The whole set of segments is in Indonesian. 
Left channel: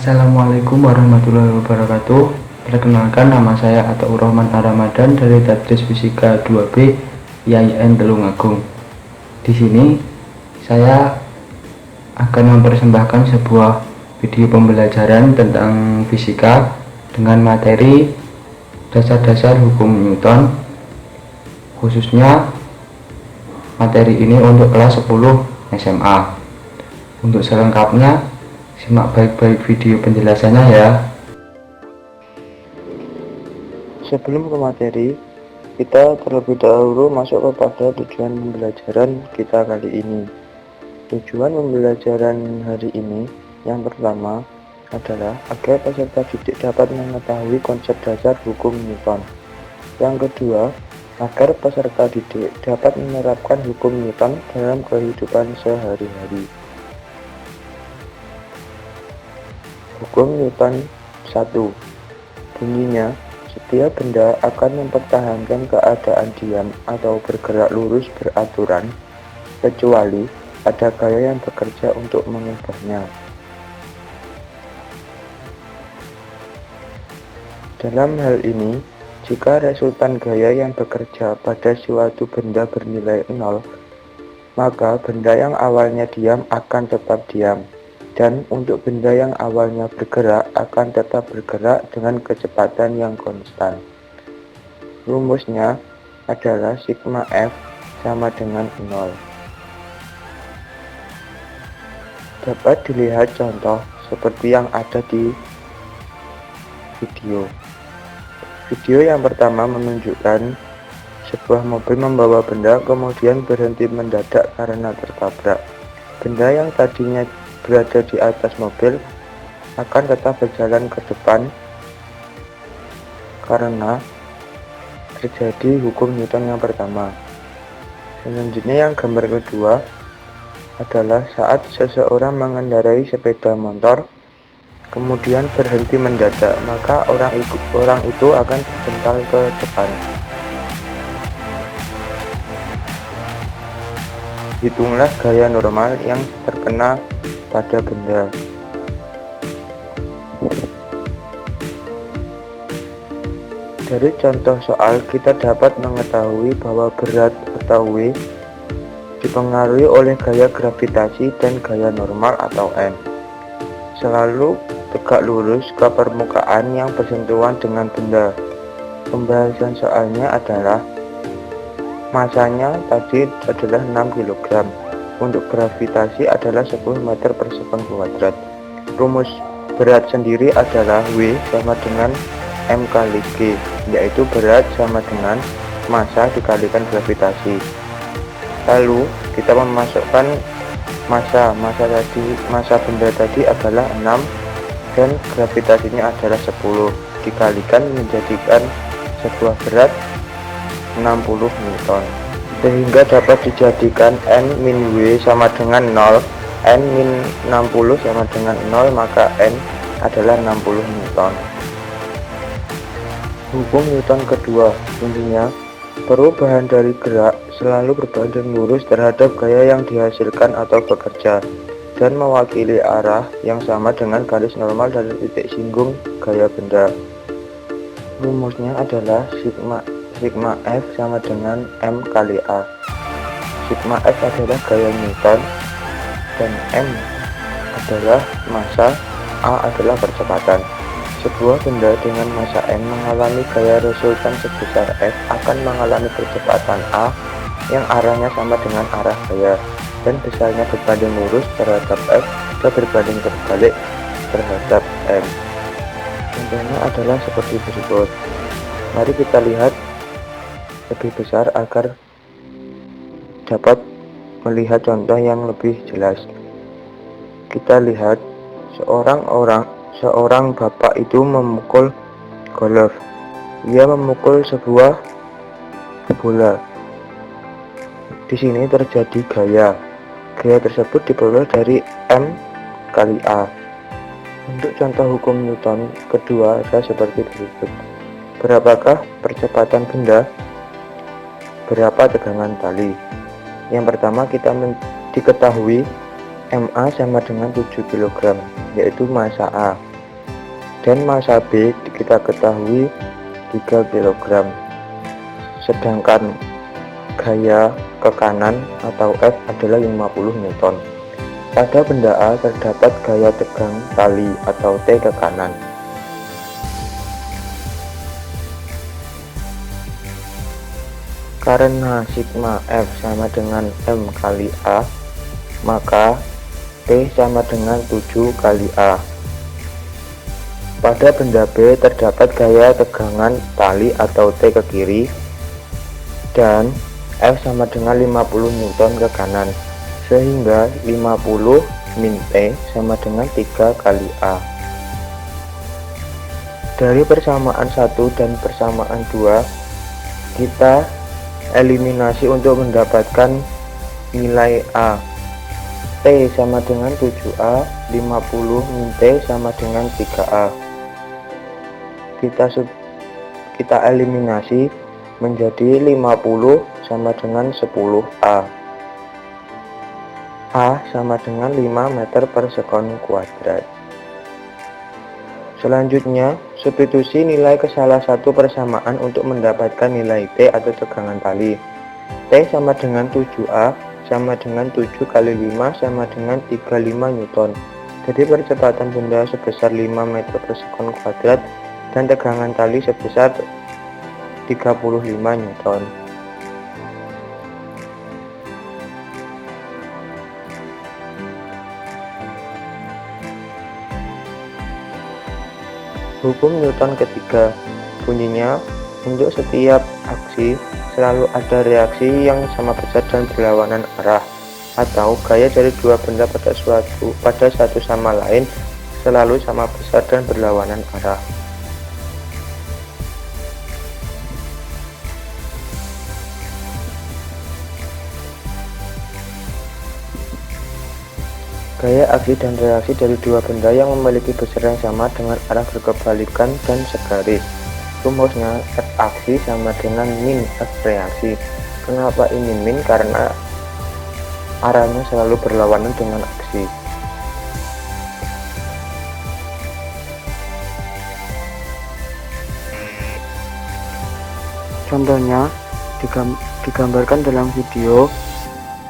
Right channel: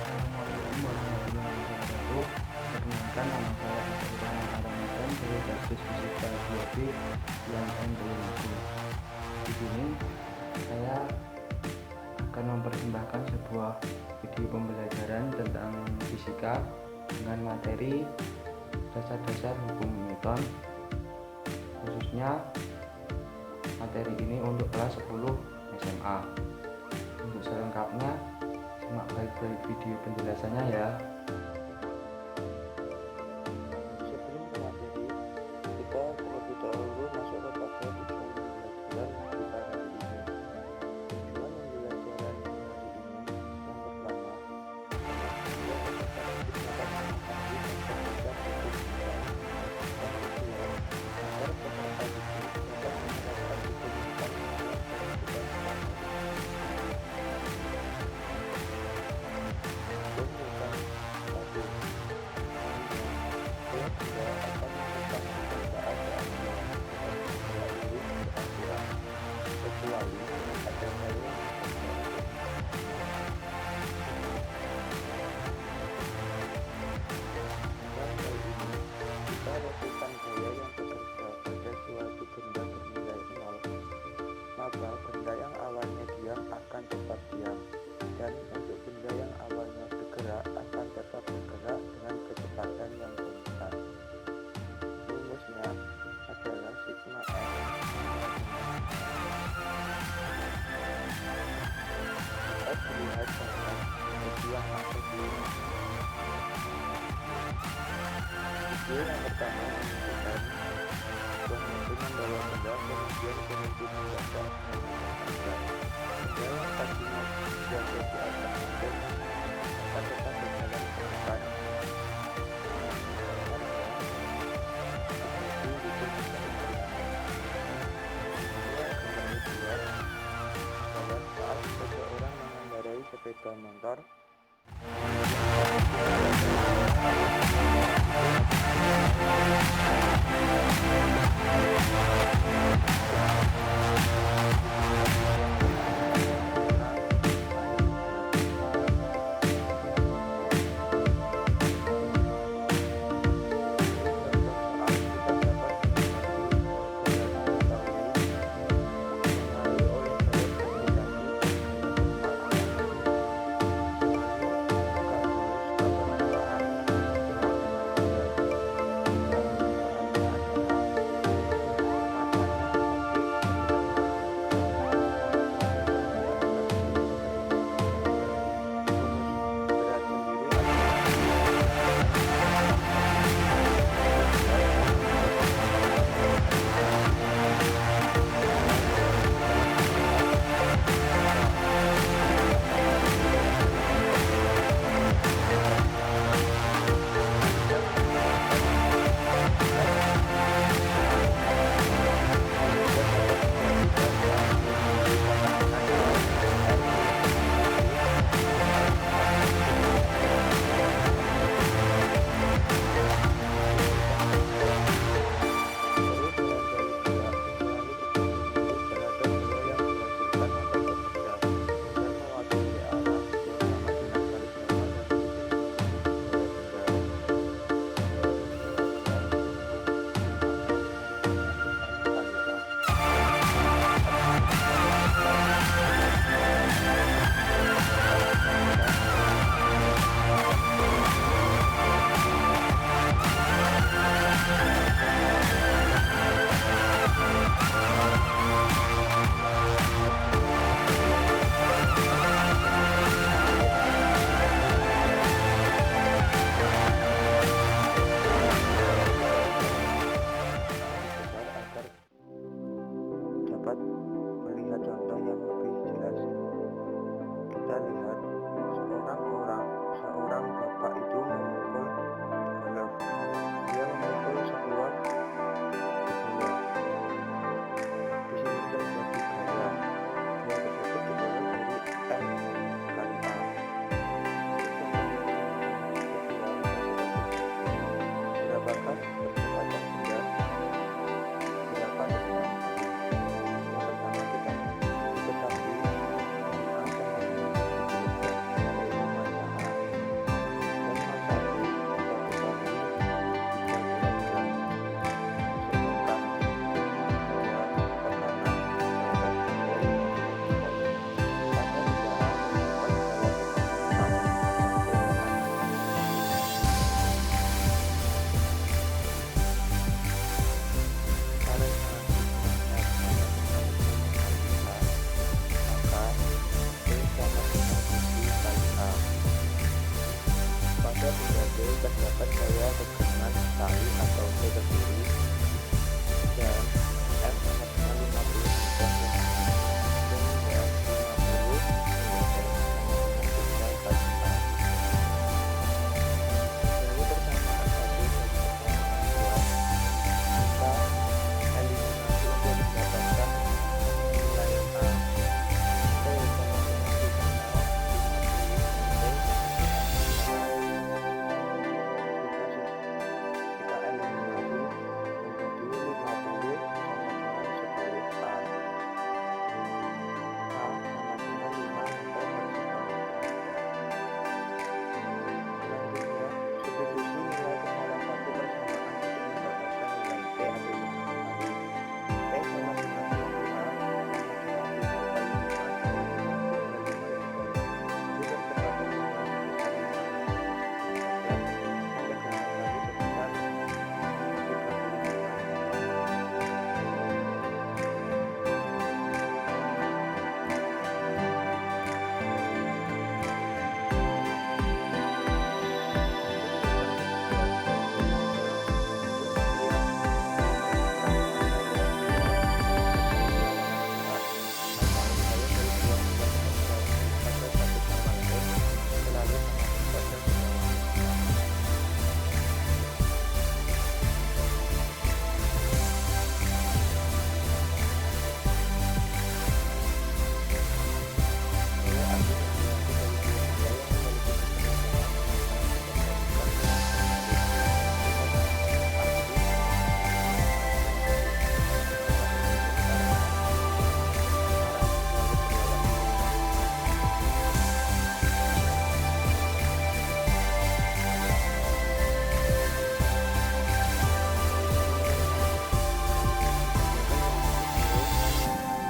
Assalamualaikum warahmatullahi wabarakatuh. Perkenalkan, nama saya Ataur Rahman Ar-Ramadan dari Tadris Fisika 2B IAIN Tulungagung. Di sini saya akan mempersembahkan sebuah video pembelajaran tentang fisika dengan materi dasar-dasar hukum Newton. Khususnya materi ini untuk kelas 10 SMA. Untuk selengkapnya simak baik-baik video penjelasannya ya. Sebelum ke materi, kita terlebih dahulu masuk kepada tujuan pembelajaran kita kali ini. Tujuan pembelajaran hari ini yang pertama adalah agar peserta didik dapat mengetahui konsep dasar hukum Newton. Yang kedua, agar peserta didik dapat menerapkan hukum Newton dalam kehidupan sehari-hari. Hukum Newton 1. Bunyinya, setiap benda akan mempertahankan keadaan diam atau bergerak lurus beraturan, kecuali ada gaya yang bekerja untuk mengubahnya. Dalam hal ini, jika resultan gaya yang bekerja pada suatu benda bernilai 0, maka benda yang awalnya diam akan tetap diam. Dan untuk benda yang awalnya bergerak akan tetap bergerak dengan kecepatan yang konstan. Rumusnya adalah sigma F sama dengan 0. Dapat dilihat contoh seperti yang ada di video. Video yang pertama menunjukkan sebuah mobil membawa benda kemudian berhenti mendadak karena tertabrak. Benda yang tadinya berada di atas mobil akan tetap berjalan ke depan karena terjadi hukum Newton yang pertama. Selanjutnya yang gambar kedua adalah saat seseorang mengendarai sepeda motor kemudian berhenti mendadak, maka orang itu akan terjungkal ke depan. Hitunglah gaya normal yang terkena pada benda. Dari contoh soal kita dapat mengetahui bahwa berat atau W dipengaruhi oleh gaya gravitasi dan gaya normal atau N. Selalu tegak lurus ke permukaan yang bersentuhan dengan benda. Pembahasan soalnya adalah masanya tadi adalah 6 kg. Untuk gravitasi adalah 10 meter per sekon kuadrat. Rumus berat sendiri adalah W sama dengan M kali G, yaitu berat sama dengan massa dikalikan gravitasi. Lalu kita memasukkan massa benda tadi adalah 6 dan gravitasinya adalah 10 dikalikan menjadikan sebuah berat 60 Newton, sehingga dapat dijadikan N-W sama dengan 0, N-60 sama dengan 0, maka N adalah 60 Newton. Hukum Newton kedua, intinya perubahan dari gerak selalu berbanding lurus terhadap gaya yang dihasilkan atau bekerja dan mewakili arah yang sama dengan garis normal dari titik singgung gaya benda. Rumusnya adalah sigma F sama dengan M kali A. Sigma F adalah gaya Newton dan M adalah massa, A adalah percepatan. Sebuah benda dengan massa M mengalami gaya resultan sebesar F akan mengalami kecepatan A yang arahnya sama dengan arah gaya dan besarnya berbanding lurus terhadap F atau berbanding terbalik terhadap M. Contohnya adalah seperti berikut. Mari kita lihat lebih besar agar dapat melihat contoh yang lebih jelas. Kita lihat seorang bapak itu memukul golf. Dia memukul sebuah bola. Di sini terjadi gaya. Gaya tersebut diperoleh dari M kali A. Untuk contoh hukum Newton kedua adalah seperti berikut. Berapakah percepatan benda? Berapa tegangan tali? Yang pertama kita diketahui MA sama dengan 7 kg, yaitu massa A. dan massa B kita ketahui 3 kg. Sedangkan gaya ke kanan atau F adalah 50 Newton. Pada benda A terdapat gaya tegang tali atau T ke kanan. Karena sigma F sama dengan M kali A, maka T sama dengan 7 kali A. Pada benda B terdapat gaya tegangan tali atau T ke kiri, dan F sama dengan 50 Newton ke kanan, sehingga 50 min T sama dengan 3 kali A. Dari persamaan 1 dan persamaan 2, kita eliminasi untuk mendapatkan nilai A. T sama dengan 7A, 50 min T sama dengan 3A. Kita eliminasi menjadi 50 sama dengan 10A. A sama dengan 5 meter per sekon kuadrat. Selanjutnya, substitusi nilai ke salah satu persamaan untuk mendapatkan nilai T atau tegangan tali. T sama dengan 7A sama dengan 7 kali 5 sama dengan 35 Newton. Jadi percepatan benda sebesar 5 meter per sekon kuadrat dan tegangan tali sebesar 35 Newton. Hukum Newton ketiga, bunyinya, untuk setiap aksi selalu ada reaksi yang sama besar dan berlawanan arah, atau gaya dari dua benda pada satu sama lain selalu sama besar dan berlawanan arah. Gaya aksi dan reaksi dari dua benda yang memiliki besar yang sama dengan arah berkebalikan dan segaris. Rumusnya F aksi sama dengan min F reaksi. Kenapa ini min? Karena arahnya selalu berlawanan dengan aksi. Contohnya digambarkan dalam video,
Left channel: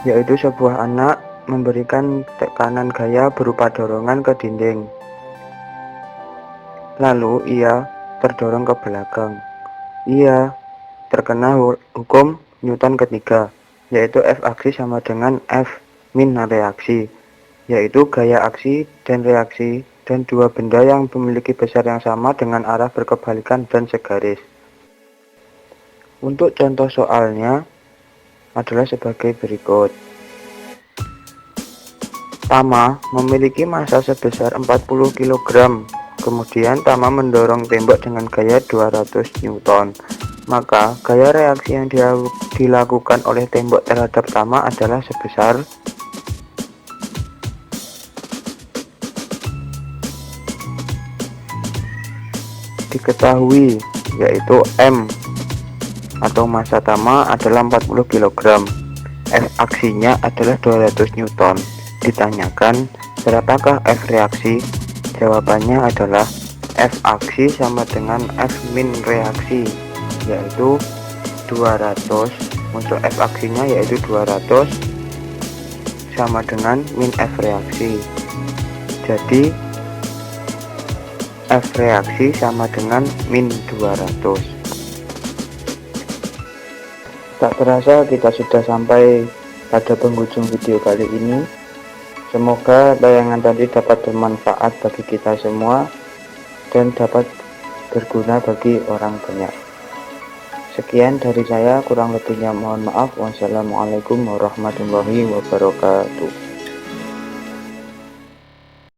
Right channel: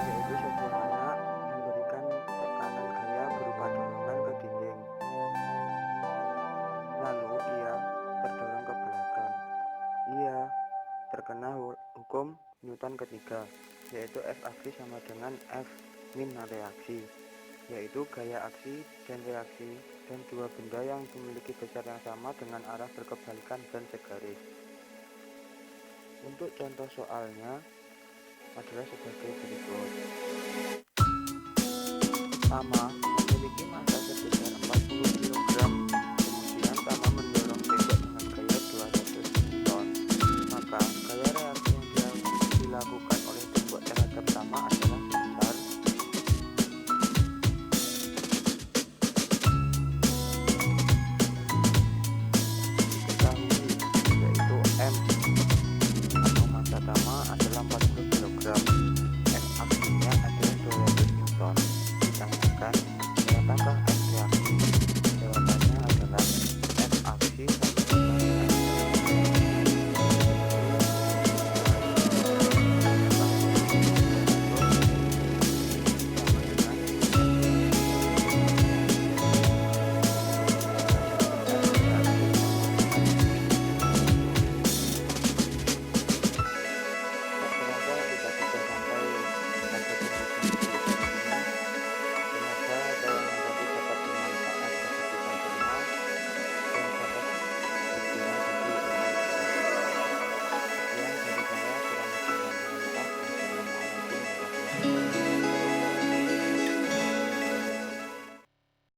yaitu sebuah anak memberikan tekanan gaya berupa dorongan ke dinding. Lalu ia terdorong ke belakang. Ia terkena hukum Newton ketiga, yaitu F aksi sama dengan F min reaksi, yaitu gaya aksi dan reaksi dan dua benda yang memiliki besar yang sama dengan arah berkebalikan dan segaris. Untuk contoh soalnya adalah sebagai berikut. Tama memiliki massa sebesar 40 kg. Kemudian Tama mendorong tembok dengan gaya 200 Newton. Maka gaya reaksi yang dilakukan oleh tembok terhadap Tama adalah sebesar diketahui, yaitu M atau massa Tama adalah 40 kg. F aksinya adalah 200 Newton. Ditanyakan berapakah F reaksi? Jawabannya adalah F aksi sama dengan F min reaksi, yaitu 200. Untuk F aksinya yaitu 200 sama dengan min F reaksi. Jadi F reaksi sama dengan min 200. Tak terasa kita sudah sampai pada penghujung video kali ini. Semoga tayangan tadi dapat bermanfaat bagi kita semua dan dapat berguna bagi orang banyak. Sekian dari saya, kurang lebihnya mohon maaf. Wassalamualaikum warahmatullahi wabarakatuh.